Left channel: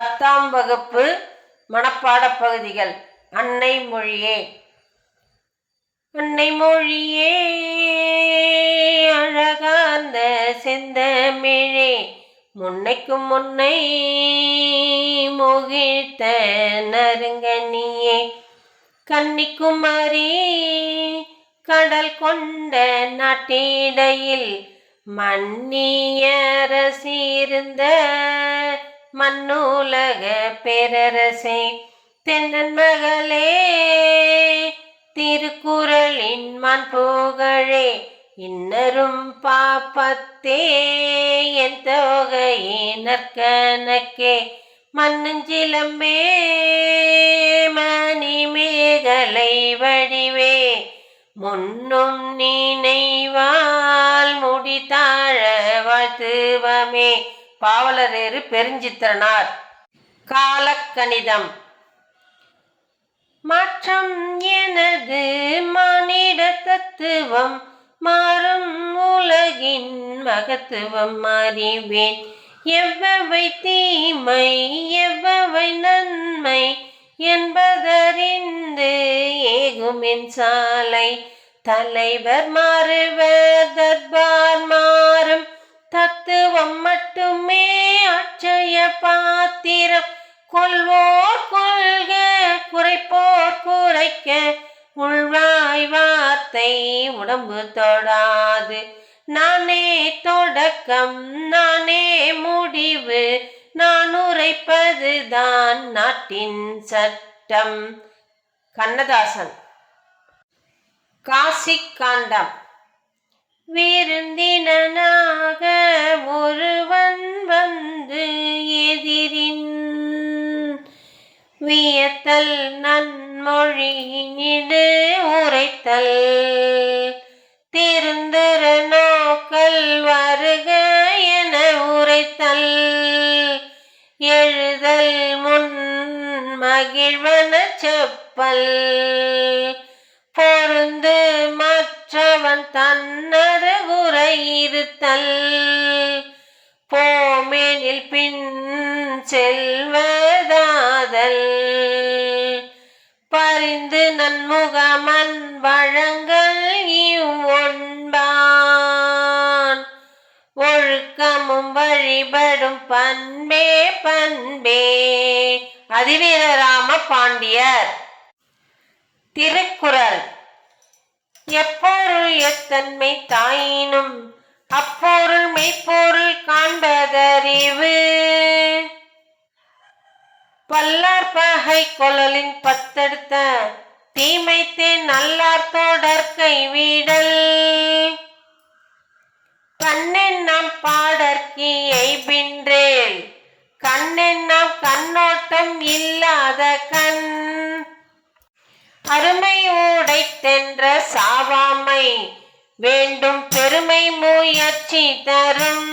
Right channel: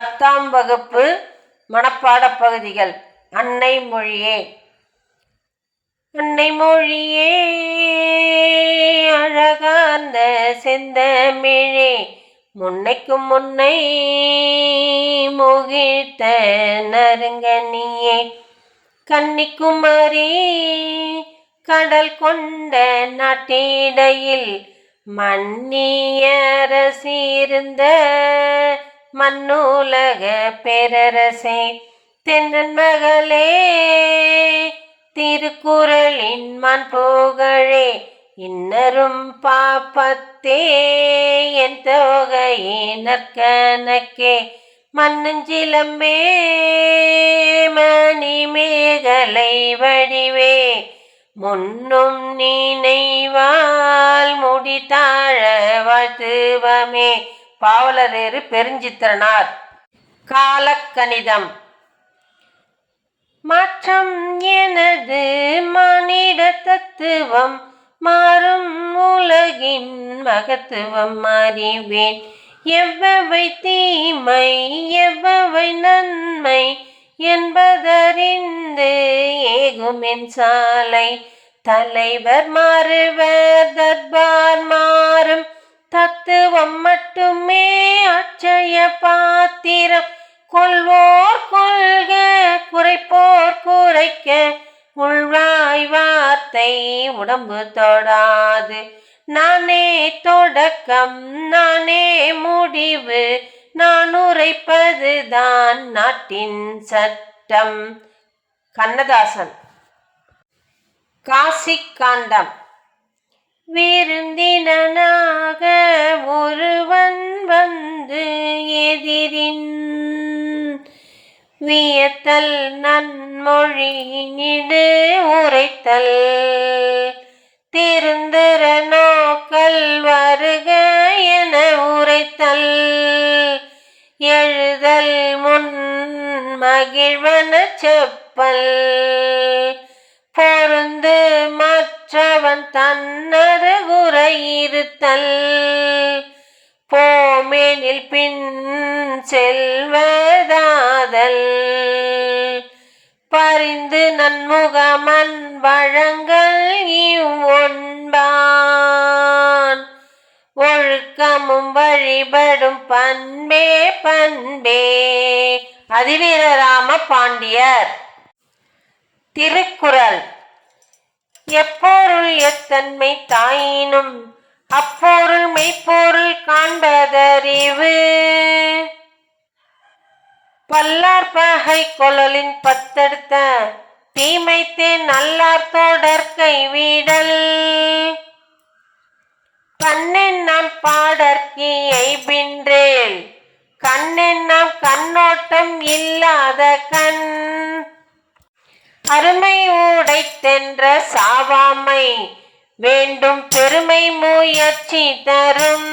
10ஆம் வகுப்பு மனப்பாடப் பகுதிகள். அன்னை மொழியே. அன்னை மொழியே அழகார்ந்த செந்தமிழே, முன்னைக்கும் முன்னை முகிழ்த்த நறுங்கனியே, கன்னிக்குமரி கடல் கொண்ட நாட்டிடையில் மன்னியரசிருந்த மண்ணுலக பேரரசே, தென்னன் மகளே திருக்குறளின் மாண்புகழே, இன்னரும் பாப்பத்தே என் தொகையினற்கணக்கே, மன்னஞ்சிலம்பே மணிமேகலை வடிவே, முன்னும் நினைவால் முடித்தாழ வாழ்த்துவமே. பாவலரேறு பெருஞ்சித்திரனார். காலக்கணிதம். மாற்றம் எனது மானிட தத்துவம், மாறும் உலகின் மகத்துவம் அறிவேன். எவ்வவை தீமை எவ்வவை நன்மை என்பதறிந்து ஏகுமென் சாலை, தலைவர் மாறுவர் தர்பார் மாறும் தத்துவம் மட்டுமே அட்சய பாத்திரம், கொள்வோர் கொள்க குறைப்போர் குறைக்க, உள்வாய் வார்த்தை உடம்பு தொடாது, நானே தொடக்கம் நானே முடிவு, நான் உரைப்பதுதான் நாட்டின் சட்டம். கண்ணதாசன். காசிக்காண்டம். விருந்தினனாக ஒருவன் வந்து எதிரின், வியத்தல் நன்மொழியினிடு உரைத்தல், திருந்துர நோக்கல் வருக என உரைத்தல், எழுதல் முன் மகிழ்வன செப்பல், பொருந்து மற்றவன் தன்னருகுறையிருத்தல், போமெனில் பின் செல்வதாதல், பரிந்து நன்முகமன் வழங்கல் இவ்வொன்பான், ஒழுக்கமும் வழிபடும் பண்பே பண்பே. அதிவீரராம பாண்டியர். திருக்குறள். எப்பொருள் எத்தன்மை தாயினும் அப்பொருள் மெய்ப்பொருள் காண்பதறிவு, பல்லார் பகை கொளலின் பத்தெடுத்த தீமைத்தே நல்லார் தொடர் கைவிடல், கண்ணெண்ணாம் பாடற்கியை பின்றேல், கண்ணெண்ணாம் கண்ணோட்டம் இல்லாத கண், அருமை உடைத்தென்ற சாவாமை வேண்டும் பெருமை முயற்சி தரும்,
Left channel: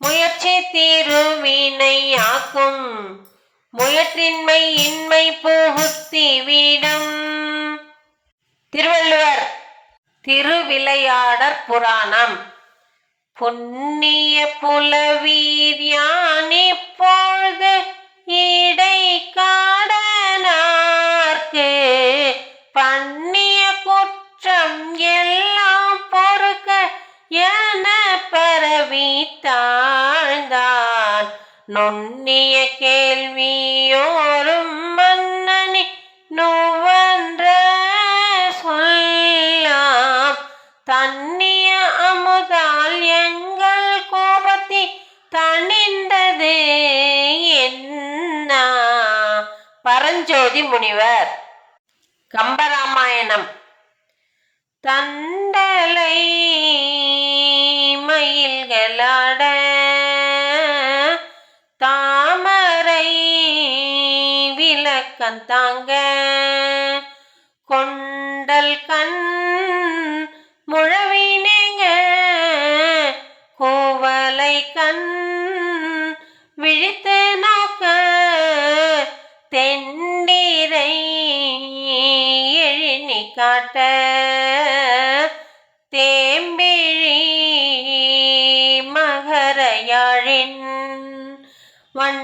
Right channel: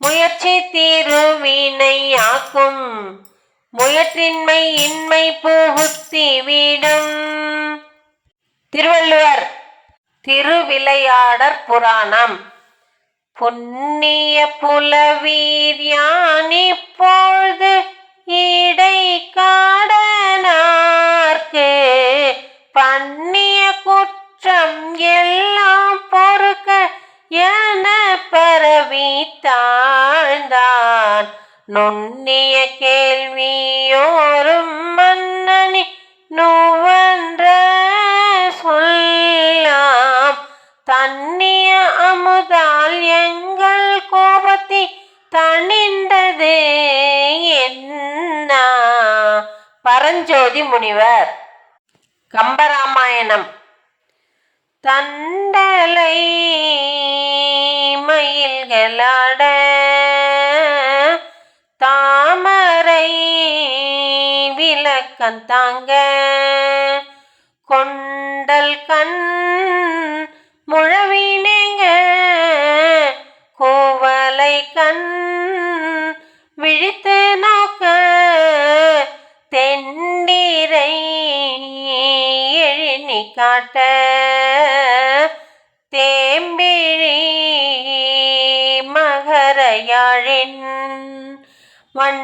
முயற்சி திருவினை ஆக்கும், முயற்றின்மை இன்மை புகுத்தி விடும். திருவள்ளுவர். திருவிளையாடற் புராணம். புண்ணிய புலவீர் யான் இப்பொழுது இடை காடனார்க்கு, பண்ணிய குற்றம் எல்லாம் பொறுக்க என பரவி தாழ்ந்தான், நுண்ணிய கேள்வியோரும் மன்னனி நுவன்ற சொல்லாம், தன்னிய அமுதால் எங்கள் கோபத்தி தணிந்தது என்ன. பரஞ்சோதி முனிவர். கம்பராமாயணம். தண்டலை மயில்களாட தாமரை விளக்கந்தாங்க, கொண்டல் கண் முழவினேங்க, கோவலை கண் விழித்து நோக்க, தெண்டிரை எழினி காட்ட, தேம்பிழி மகர யாழின் வண்ண